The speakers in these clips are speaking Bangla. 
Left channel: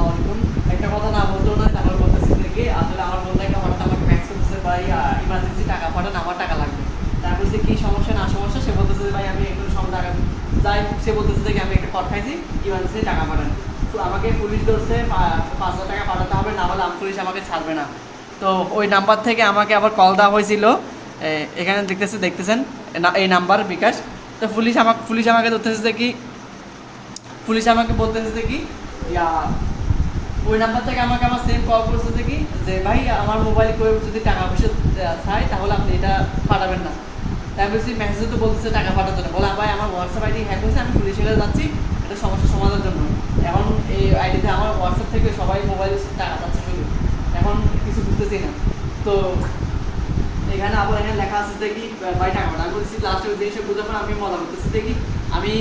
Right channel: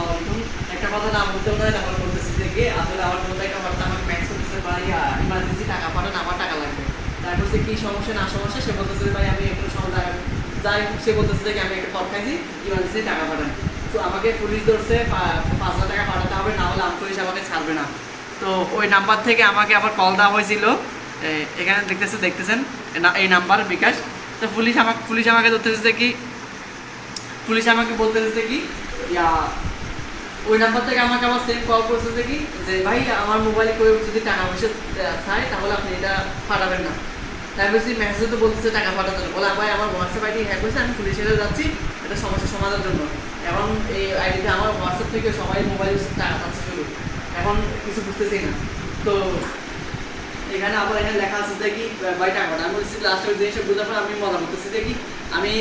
আসসালামু আলাইকুম। একটা কথা না বলতেও নয়, তারপর বলতেছি যে কি আসলে আমার বন্ধু একটা হঠাৎ আমাকে মেসেজ দিতে পারি ইমার্জেন্সি টাকা পাঠান, আমার টাকা লাগবে। তারপর যে কি সমস্যা না সমস্যা সে বলতেছে যে ভাই আমি একটু সময় টাকা যাই হোক, সে বলতেছে যে আমি একটা খড় খাইছি, ইমার্জেন্সি টাকা পাঠান। তো আমাকে পুলিশ ধরছে, 5,000 টাকা পাঠাতে হবে, না হলে পুলিশ আমাকে ছাড়বে না। তো ওই নাম্বার থেকে আমাকে আবার কল দেওয়া হয়েছিল, এখানে দেখতেছেন এই নাম্বার বিকাশ। তো পুলিশ আমাকে ধরতেছে যে কি, পুলিশ আমাকে বলতেছে যে কি ইয়া ওই নাম্বার থেকে আমাকে আমার সেম কল করছে যে কি যে ভাই আমার মোবাইলে কেউ যদি টাকা পয়সা চায় তাহলে আপনি এটা পাঠাবেন না। তাই বলছি মেসেজে তো বলতেছে টাকা পাঠাতে না, বলে ভাই আমার হোয়াটসঅ্যাপ আইডি হ্যাক হয়েছে, আমি পুলিশের কাছে যাচ্ছি এটা সমস্যা সমাধানের জন্য। এখন এই আইডিতে আমার হোয়াটসঅ্যাপ থেকে সবাই মোবাইলে টাকা পাচ্ছে শুধু, এখন কিছু বুঝতেছি না। তো এখানে আবার এখানে লেখা আছে যে কি ভাই টাকা পাঠান। আমি বলছি লাস্ট ওই জিনিসটা বুঝার পর আমি মজা করতেছি যে কি আমি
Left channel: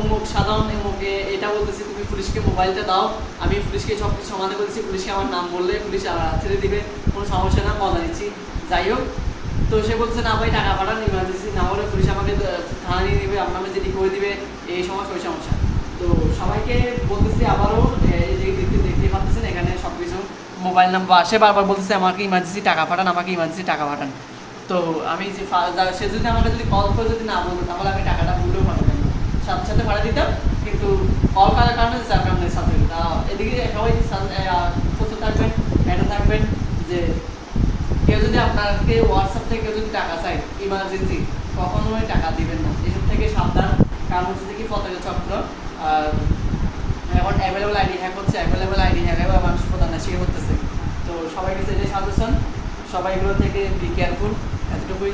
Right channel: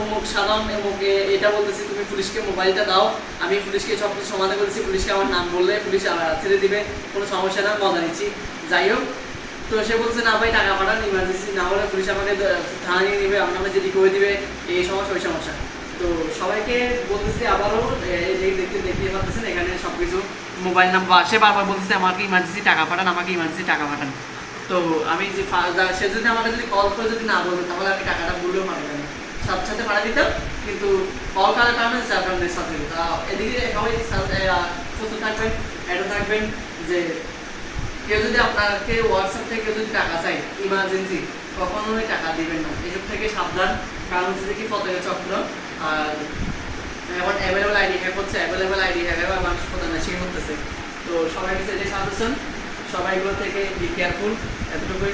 অমুক সাধারণ অমুকে এটা বলতেছি, তুমি পুলিশকে মোবাইলটা দাও, আমি পুলিশকে সব কিছু সমাধান করেছি, পুলিশকে আমার নাম বললে পুলিশ ছেড়ে দিবে, কোনো সমস্যা না, মজা নিচ্ছি। যাই হোক, তো সে বলছে না ভাই টাকা পাঠান, ইমার্জেন্সি না হলে পুলিশ আমাকে থানা নিয়ে নেবে, আমার নামে যেটি করে দিবে, এই সমস্যা ওই সমস্যা। তো সবাইকে বলতেছি আবারও দেখতে পাচ্ছেন এখানে সব কিছু মোবাইল নাম্বার, সে বারবার বলতেছে আমাকে ইমার্জেন্সি টাকা পাঠান, আমাকে ইমার্জেন্সি টাকা পাঠান। তো আমি যে সে যদি আমাকে যদি কল করে যদি না বলতো তাহলে আমি টাকাটা ভুলেও পাঠাতাম, সাথে সাথে পাঠিয়ে দিতাম, কিন্তু কল করার কারণে যার কারণে সাথে তা এদিকে সবাই সুস্থ থাকবেন, এটা থাকবেন যে কেউ যদি আপনাকে হোয়াটসঅ্যাপ থেকে কেউ যদি টাকা চায় ইমার্জেন্সি, কখনোই টাকা দিবেন না, এসব থেকে সাবধান। কারণ হচ্ছে যে কি পতাকা চক্র, আর এখন অ্যাভেলেবল আইডি হ্যাক হচ্ছে, অ্যাভেলেবল আইডি হ্যাক হবে, মানুষ প্রধান সে করতেছে। তো সবাই কাছে এটাই সাজেশন, সবাই এগুলো থেকে বি কেয়ারফুল, এতটুকুই।